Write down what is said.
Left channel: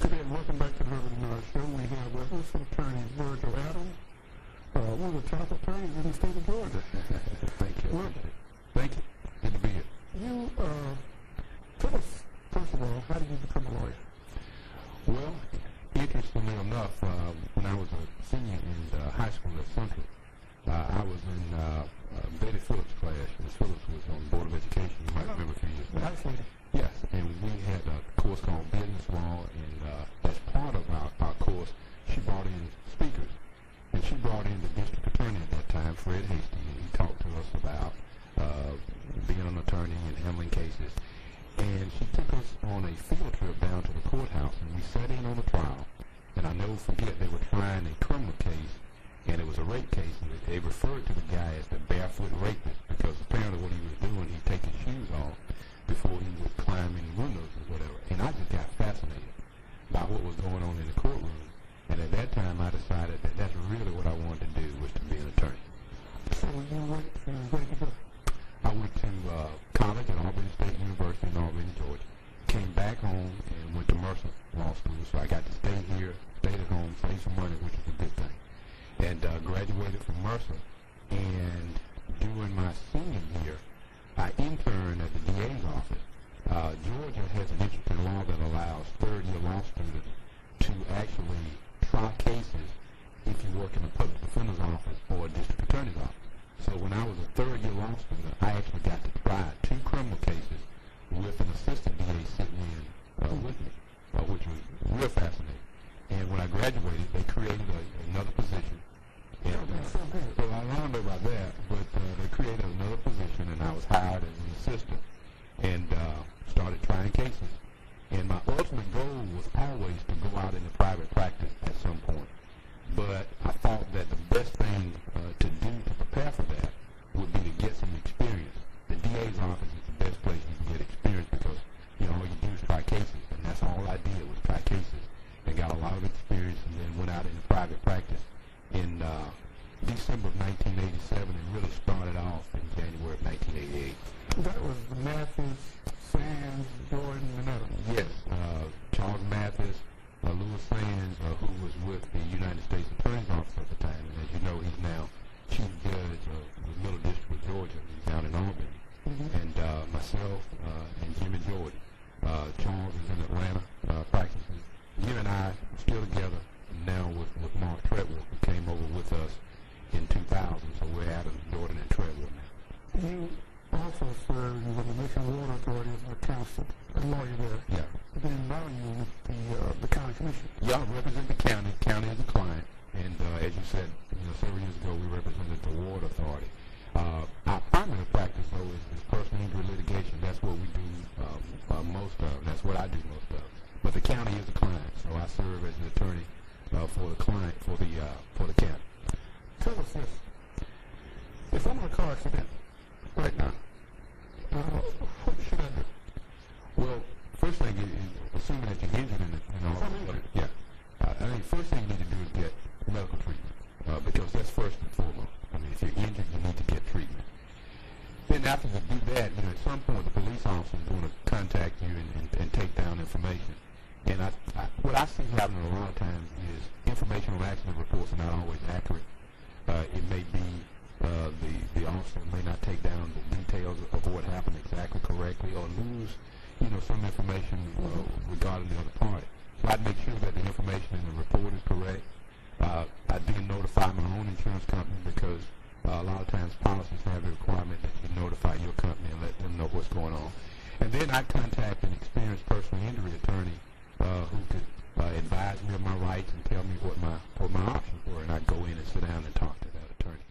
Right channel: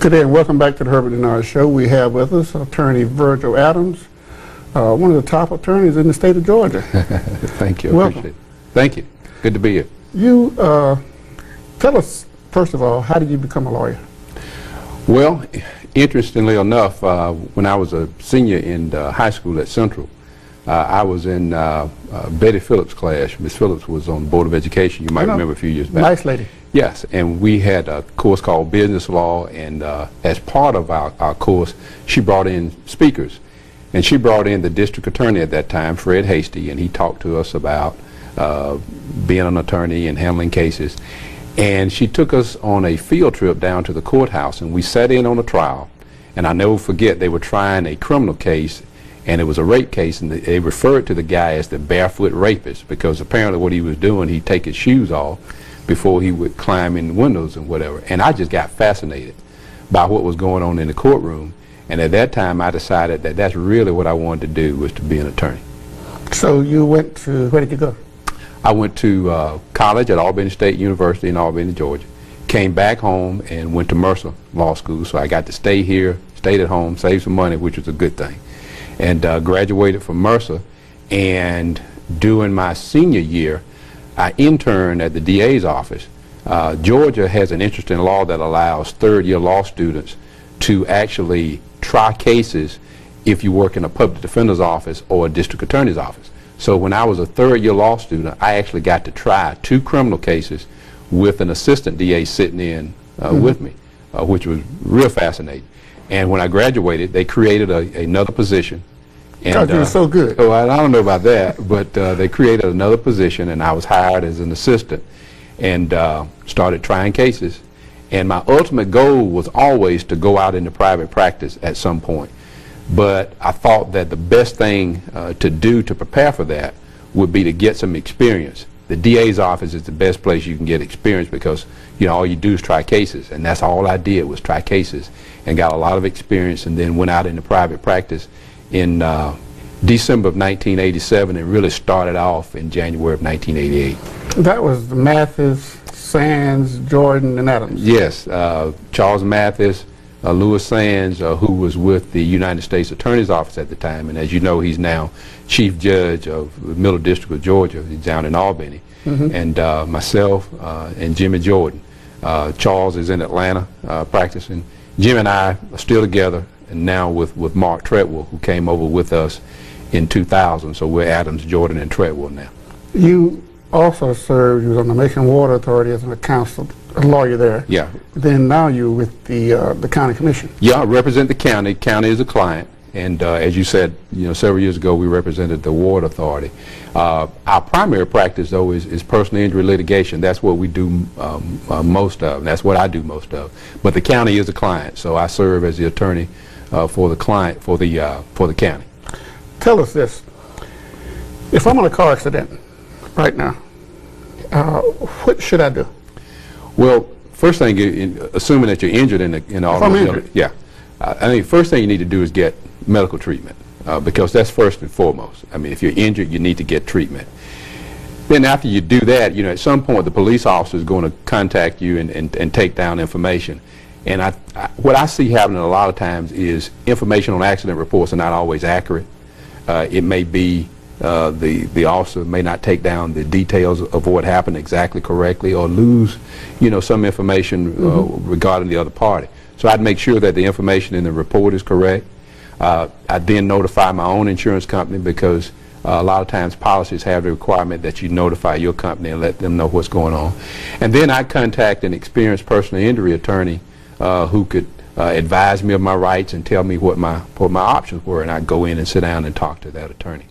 Good day and welcome back to the Herbert Dennard Show. We have with us attorney Virgil Adams, one of the top attorneys in the state of Georgia. Thank you. Welcome. Appreciate it. Thank you. Good to be here. You tell us, first of all, how did you become a lawyer? Well, interestingly enough, when I was a senior in high school at Central, I was in Betty Phillips' class. Miss Phillips was on the Board of Education. You might remember a few years back. Nice lady. Yes, and we had a course called Business Law, and as part of our course, she brought in speakers. And she brought in the district attorney at that time, Fred Hasty, and he talked to us about being an attorney and handling cases. And she took us on a field trip down to the courthouse, and we sat in on a trial. And I never forget, they were trying a criminal case, and it was a rape case, and they referred to the guy as the barefoot rapist, because apparently what he was doing, he'd take his shoes off before he would climb in windows and whatever. And I just got fascinated by what was going on in the courtroom. And at that time, I decided that that's really what I wanted to do, was to be an attorney. So you went to, where did you go? I went to college at Albany State University in Albany, Georgia. Came back home and went to Mercer Law School. So I got to stay here, stayed at home, saved some money, which was a good thing. And graduated from Mercer. And during my senior year, I interned at the DA's office. Georgia has an interesting law that allows third-year law students to actually try cases if you work in a public defender's office or a district attorney's office. So when I was a third-year law student, I actually got to try 2 criminal cases with an assistant DA sitting in with me, which was real fascinating. And when I graduated, they created another position. Because you were so good. Oh, I don't know about that, but they created another position, and I was hired as an assistant and started trying cases. And my ultimate goal was always to go out into private practice at some point. But I thought that the best thing to do to prepare for that would be to get some experience. The DA's office is the best place you can get experience, because all you do is try cases, and that's all I did was try cases, and got a lot of experience, and then went out into private practice in December of 1987, and really started off in January of 1988. That was Mathis, Sands, Jordan, and Adams. Yes, Charles Mathis, Louis Sands, who was with the United States Attorney's Office at the time, and as you know, he's now Chief Judge of the Middle District of Georgia. He's down in Albany. And myself and Jimmy Jordan. Charles is in Atlanta practicing. Jim and I are still together, and now with Mark Treadwell, who came over with us in 2000. So we're Adams, Jordan, and Treadwell now. You also served, you was on the Macon Water Authority as a lawyer there. Yeah. Then now you're with the county commission. Yeah, I represent the county. County is a client. And as you said, several years ago, we represented the Water Authority. Our primary practice, though, is personal injury litigation. That's what we do most of. That's what I do most of. But the county is a client, so I serve as the attorney for the client, for the county. Tell us this. If I'm in a car accident right now, what should I do? Well, first thing, assuming that you're injured in all of this, yeah, I think the first thing you need to do is get medical treatment, because that's first and foremost. I mean, if you're injured, you need to get treatment. Then after you do that, at some point the police officer is going to contact you and take down information. And what I see happening a lot of times is information on accident reports are not always accurate. It may be the officer may not take down the details of what happened exactly correctly, or lose, some information regarding the other party. So I'd make sure that the information in the report is correct. I then notify my own insurance company, because a lot of times policies have the requirement that you notify your company and let them know what's going on. And then I contact an experienced personal injury attorney who could advise me of my rights and tell me what my options were, and I'd go in and sit down and talk to that attorney.